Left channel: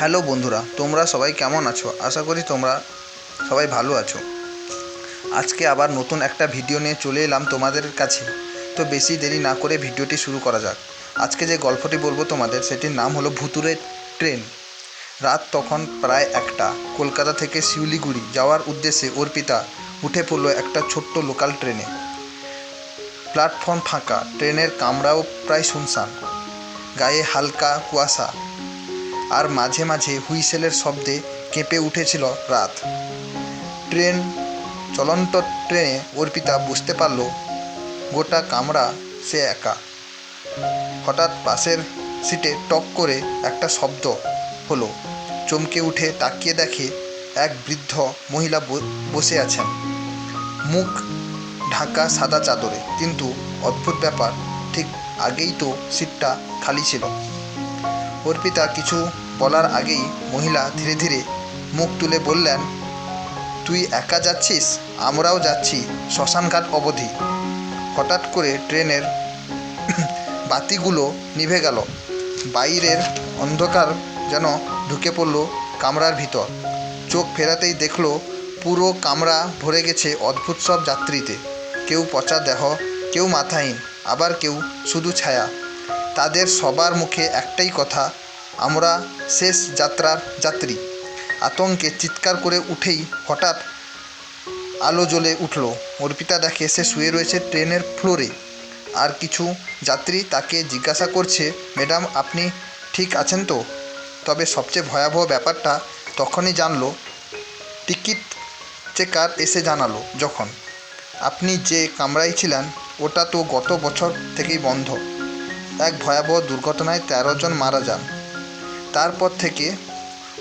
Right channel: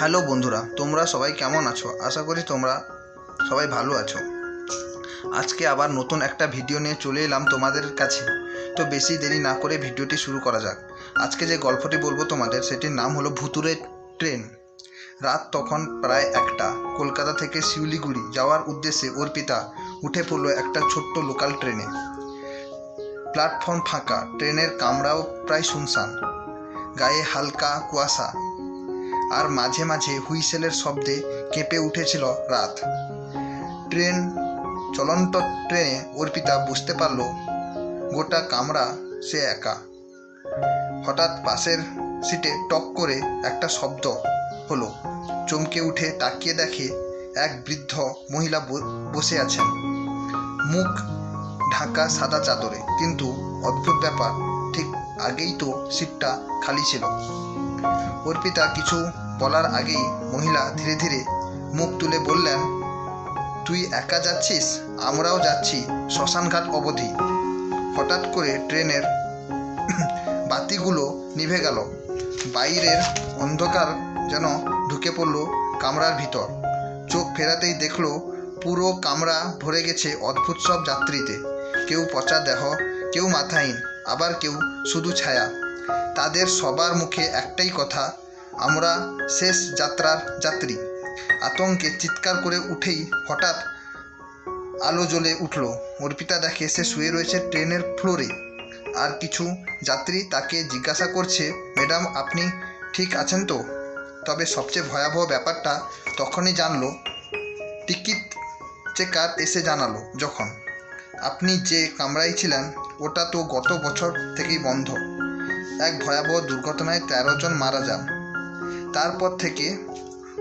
Hello বন্ধুরা, তোমরা সবাই কেমন আছো? আশা করি তোমরা সবাই ভালো আছো। আজকে আবার নতুন একটা ভিডিও নিয়ে চলে এলাম তোমাদের কাছে। তো বেশি দেরি না করে ভিডিওটি শুরু করা যাক। আজকে যে গল্পটি বলব তোমাদের, সেটির নাম হলো ভুতুরে ট্রেন। রাত তখন প্রায় একটা। কলকাতা থেকে শিউলিগুড়ি যাওয়ার উদ্দেশ্যে অর্পিতা উঠে পড়ল একটা ছোট্ট লোকাল ট্রেনে। প্ল্যাটফর্ম ফাঁকা, ট্রেনের কামরাও প্রায় শুনশান। গায়ে হালকা কুয়াশা। আর মাঝে মাঝে হুইসেলের শব্দে কেঁপে উঠেছিল রাত। ট্রেন, চলন্ত ট্রেনে অর্পিতা বুঝতে পারল, গোটা কামরা সে একা। হঠাৎ পাশের সিটে টক করে একটা শব্দ হলো। চমকে উঠে তাকিয়ে দেখে এক বৃদ্ধ মহিলা বসে আছেন। মুখ ঢাকা সাদা চাদরে, কিন্তু অদ্ভুত ব্যাপার, ঠিক আগেই তো সিটটা খালি ছিল। অর্পিতা কিছু বলার আগেই মহিলা ধীরে ধীরে মুখ তুলে বললেন, তুই একা যাচ্ছিস? আমরাও যাচ্ছি। শ্মশানঘাট অবধি। হঠাৎ করে ট্রেনের বাতিগুলো নিভে গেল। বাইরের অন্ধকার যেন ঢুকে পড়ল কামরার ভিতর। চোখ ফেরাতেই দেখল, পুরো কামরা ভরে গেছে অদ্ভুত সব যাত্রীতে। কেউ পচা দেহ, কেউ মাথাহীন, আবার কেউ শুধু ছায়া। তাদের সবার মুখে একটাই কথা, আমরা শেষ যাত্রার যাত্রী। আতঙ্কে চিৎকার করে উঠেই হঠাৎ আলো জ্বলে উঠল। অর্পিতা দেখে সে শুয়ে রয়েছে ট্রেনের ফ্লোরে। আর কিছু যাত্রী তাকে জিজ্ঞাসা করছে, ম্যাডাম, আপনি ঠিক আছেন তো তবে সবচেয়ে ভয়াবহ ব্যাপারটা তখনই জানলো। টিকিট চেকার এসে জানালো যখন, আপনি যে কামরায় ছিলেন, ওটা তো গত বছর থেকেই বন্ধ। এক ভয়াবহ দুর্ঘটনায় তেরো জন মারা যান। তারপর থেকে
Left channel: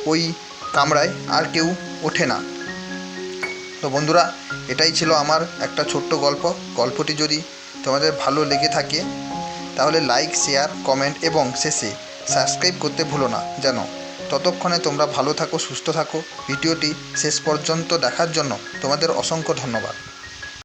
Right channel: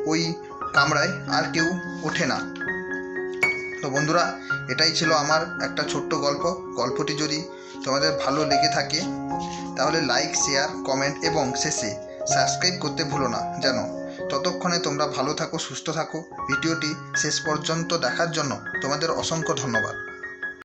ওই কামরায় আর কেউ ওঠে না। তো বন্ধুরা, এটাই ছিল আমার একটা ছোট্ট গল্প। গল্পটি যদি তোমাদের ভালো লেগে থাকে, তাহলে লাইক শেয়ার কমেন্ট এবং শেষে সাবস্ক্রাইব করতে ভুলো না। যেন ততক্ষণে তোমরা ভালো থাকো, সুস্থ থাকো। ভিডিওটি শেষ পর্যন্ত দেখার জন্য তোমাদের অসংখ্য ধন্যবাদ।